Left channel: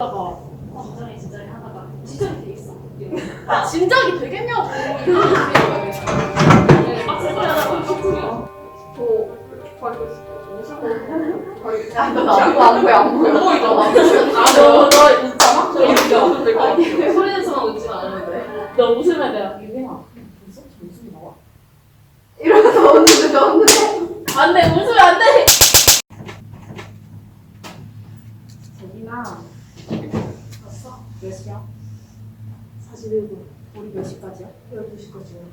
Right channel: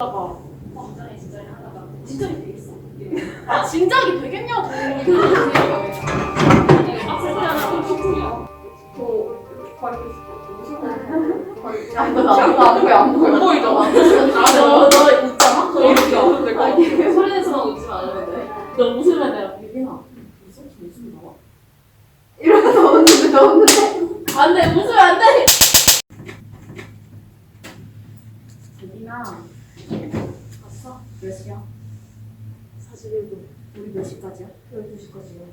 어, 진작이 되겠어. 아, 진작이 되겠냐고. 넣었는데, 넣었는데. 안 돼, 웃으면 안 돼. 재빈아, 갔어? 몇 시야? 41분. 우리 몇 시까지야? 12시까지요.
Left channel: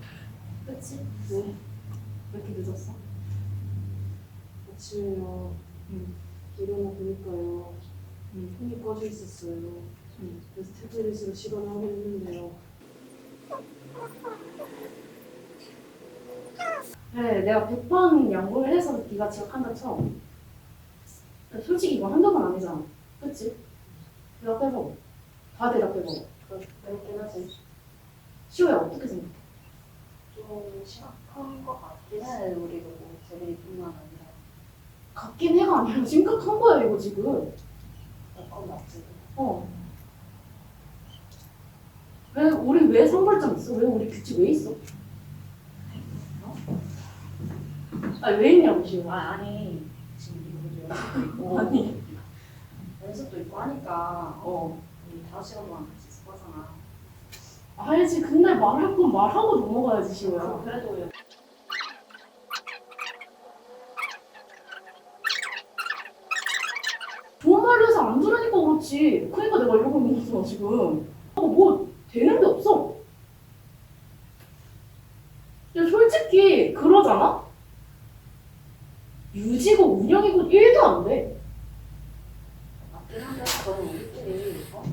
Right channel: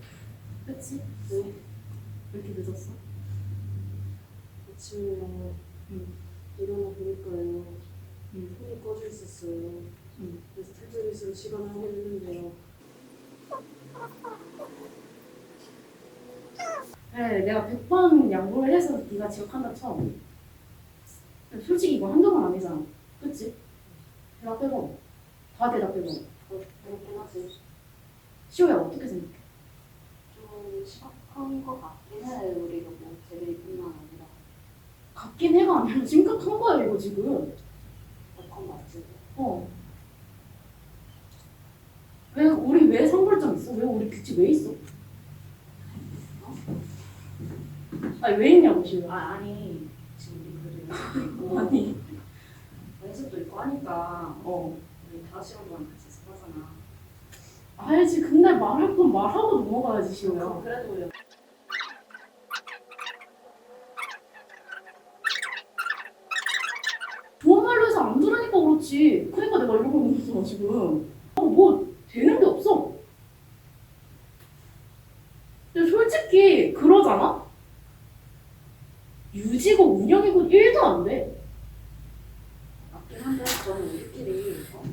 그치? 왜? 왜 이렇게 늦었어? 아침에요. 응. 일어나 보니까요. 응. 폰이 꺼져 있었어요. 응. 그래서 태블릿으로 시간을 확인했는데요. 네, 내가 100번 양보를 해서 네가 지각한다 쳐. 솔직히 이거 한두 번 아니잖아. 그치? 대답 해봐. 다 대답해봐. 그렇긴 하지. 시호야 어떻게 생각해? 좀 심각한 것 같긴 해. 우리가 뭐 제들이뿐만 아니라. 같긴 해가 아니라 심각한 거야 이거 지금. 약간 맞지. 어. 왜 우리 왜 선발점 있어? 왜 우리 규칙 왜 있어? 어? 아니 왜 있냐고 지금. 아, 아니. 지금 우리 연습도 있고. 아니. 연습도 있고 하니까 어. 우리 다섯 시간 동안 같이 있어하잖아. 알지. 근데 말할 건 말하고 넘어가야지 시호야. 그래도 좋은 말로 해서 안 들으니까 그렇지. 그러니까 내가 이러고 있는 거잖아 지금. 어, 뭐 되는 게 없어. 근데 솔직히 그러잖아? 유지고 운영이고 1도 안 돼. 맞긴 한데 저는 우리끼리 어?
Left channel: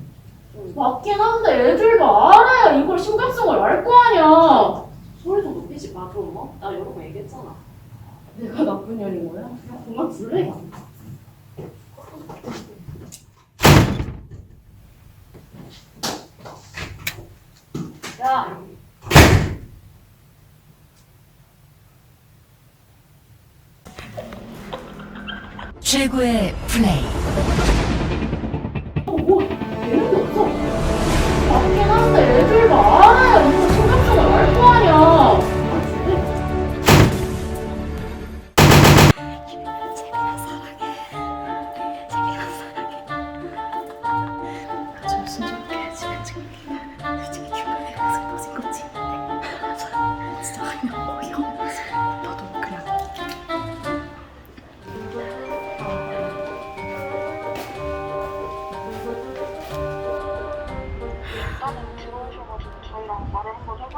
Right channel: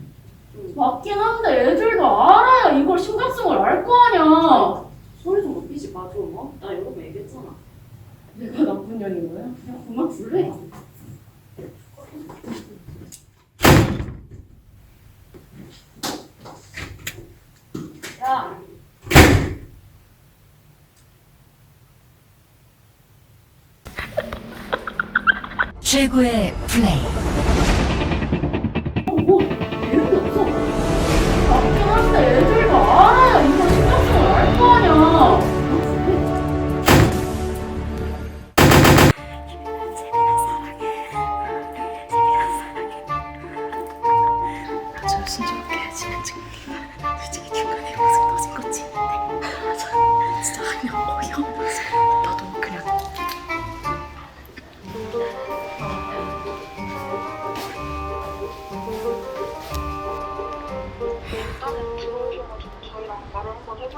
좀 맞긴 한데 애들도 알아야 이걸 심각성을 알 거 아니야. 소리 좀 높이지 마, 좀 어? 나 여러 번 얘기했잖아. 내가 나쁜 년인 거야? 그냥 그만 둘래. 야, 최고의 플레이. 어, 뭐 되는 게 없어. 한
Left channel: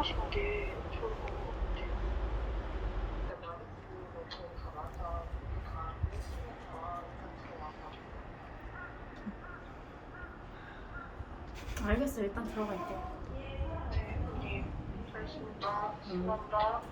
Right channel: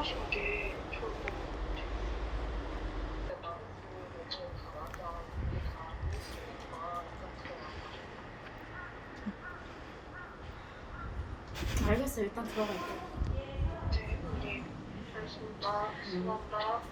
해보시는 게 좋을 것 같아요. 알겠어, 일단 들어갈게. 네, 언니. 알겠습니다. 감사합니다.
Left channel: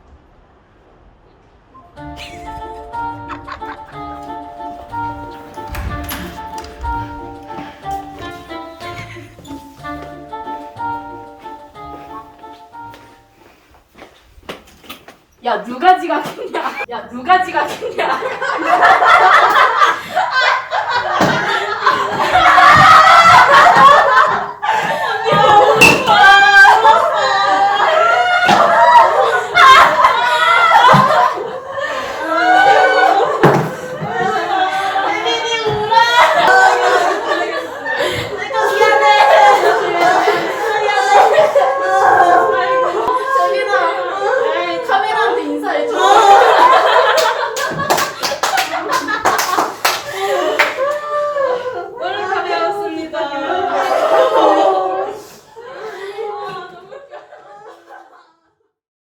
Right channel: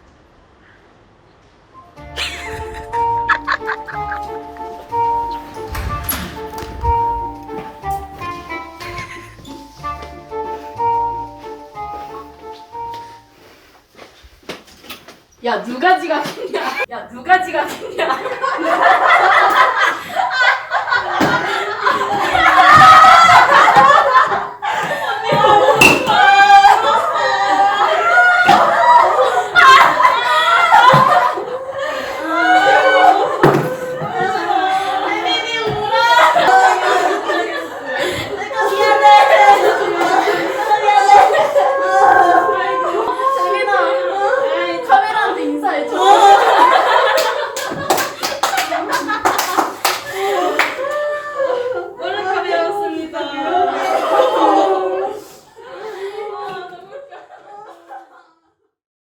야 누가 지각했냐? 야 누가 지각했냐? 아,